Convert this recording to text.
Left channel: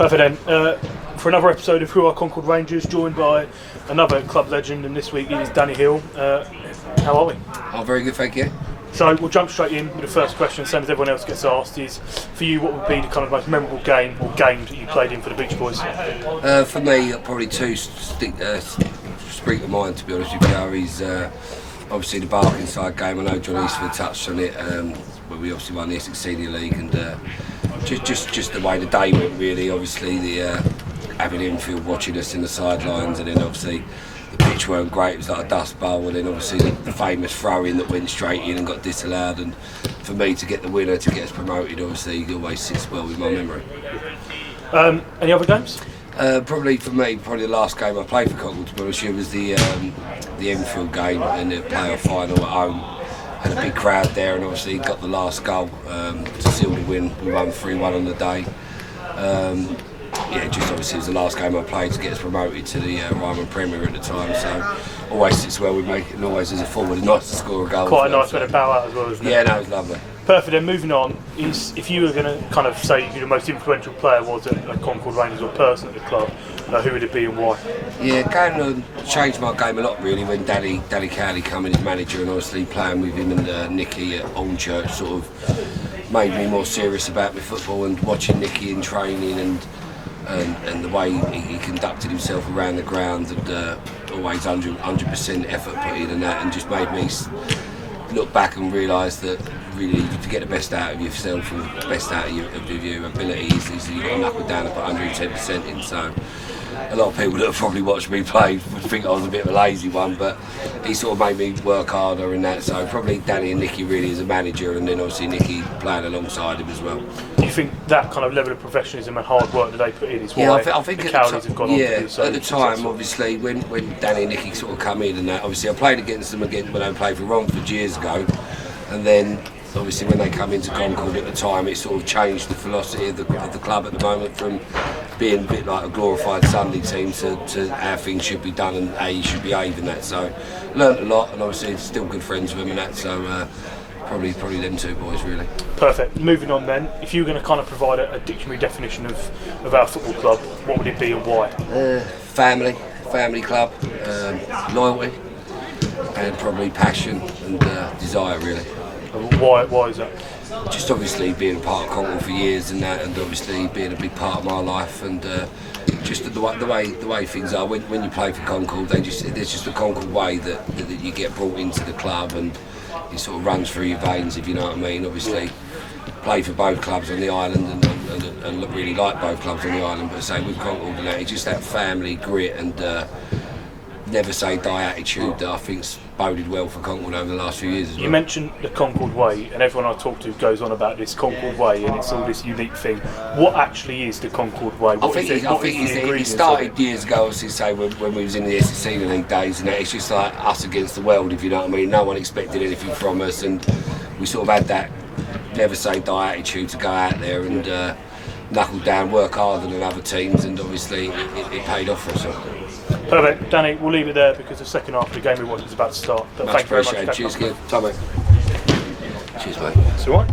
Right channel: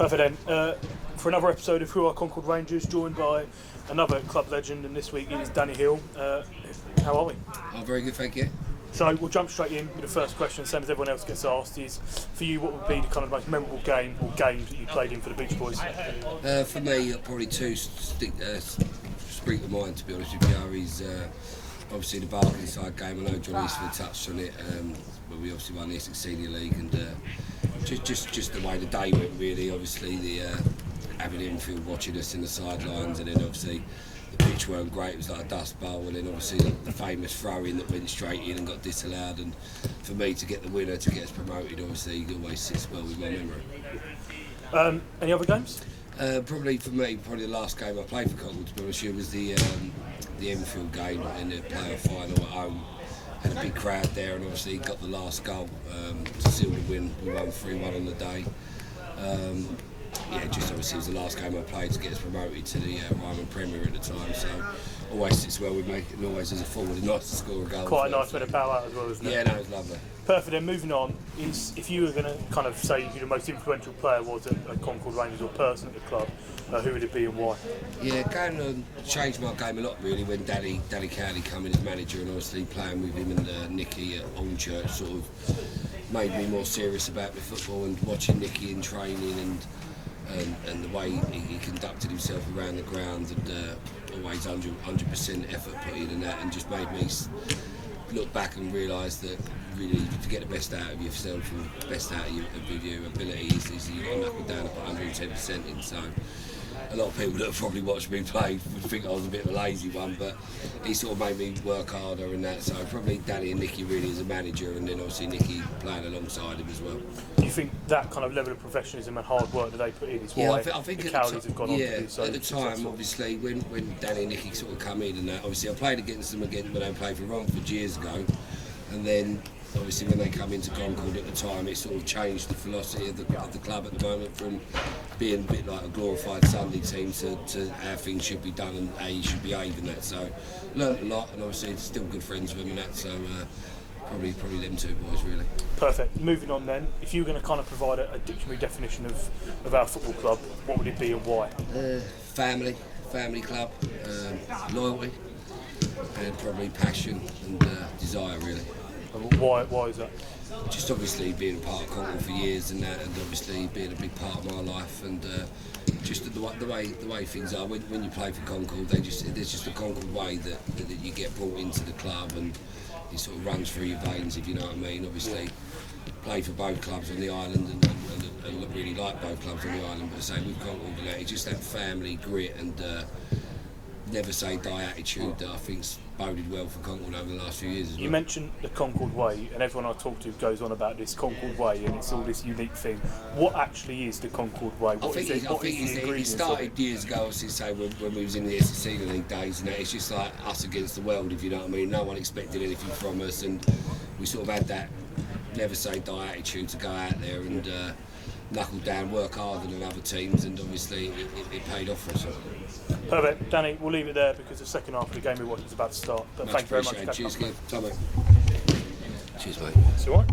Perfect then. For another episode of Who Are Concord Rangers, joined by another club legend, and this week is Danny Heale. How are we? Oh, very good, thank you. So we'll jump straight in with the first question, same as everyone else gets asked, is for you, what would be the kind of most memorable game or games that you played in for the Beach Boys? For me, probably two spring to mind, to be honest with you. Is obviously the Barkingside game. I know John Eastford touched on it, where we obviously won the Essex Senior League, and just the way the day went, really. Obviously the having infield watching us in the sidelines, and then obviously the pitch weren't great, it was like a dust bowl, and then obviously the famous throw-in that went straight in and got disallowed, and for me to get the winner to get us promoted, obviously it always sits well with my memory. Any other games? Probably for me, the last game I played for Concord, to be honest with you, was the Enfield game in the playoff final at home. Had a big crowd there, and obviously got the last goal to seal the win. We won 3-1 on the day. Just obviously it was the last game I played to get us promoted to the Ryman Premier at the time, so always sits well with me, and always as a forward nice to score a goal. Quite a nice bit of power as well, isn't it? Yeah, no, it was lovely. Perfect. Then moving on, is if you were going to kind of say who the most influential player was at Concord Rangers or person at the club, who would it be and why? Yeah, going on changed my game a lot really when Danny Cowley came in as manager, and obviously playing with him and Nicky at Old Church sort of made me more serious about my football, and watching Nicky in training and the way he conducted himself around the ground, and always 100% effort put in and that, and just made me look back and realise that really to get the best out of yourself and the best out of your abilities is you've got to knuckle down and put 110% in. So a lot of people that have probably watched me play would think I was a bit of a lazy one, but he sort of made me work harder and that. So probably Danny and Nicky really as a manager, and then obviously Nicky playing alongside him as well. Do you think that kind of level of professionalism and hard work that they put in is why I think the Cowleys have gone at the time, obviously, when Danny and Nicky sort of come in and that, obviously I played against them again when I played for Romford years ago, and then obviously when they come into Concord at the time, it sort of changed the philosophy of the club at the moment, from being a bit like a glorified Sunday team to how things should be done and how you should behave in that. So learnt a lot, and obviously still good friends with them and that, so probably them two boys really. Perfect. Moving on then, if you were going to kind of provide a dictionary definition of our football club, what would it be and why? Family club, loyalty, and probably passion and desire really. Why is that? Just obviously being a part of Concord for years and that, and obviously being a big part of my life, and just the way things are when you play for Concord, there's just a Concord way that you get brought into the club, and it sort of runs through your veins, if you know what I mean. Obviously play for both clubs on the island, and really like both clubs on the island, but say with Concord and that, it's just that family grit and never say die attitude that I think's boded well for Concord over the last few years as well. You mentioned the Concord Way, and everyone I talk to goes on about this Concord Way, and it's all this unique thing. What actually is the Concord Way? I think it started years ago, obviously, say when we was in the Essex Senior League days, and that it's just like us against the world, if you know what I mean. No one expected anything from us, and we sort of had that never say die attitude to go out there and knuckle down, work harder than other teams, and obviously it paid off for us. Perfect. Danny, we'll leave it there because the second half of the game we watched is about to start. Much appreciated. Cheers, kid. Tommy. Cheers, mate. It's all right.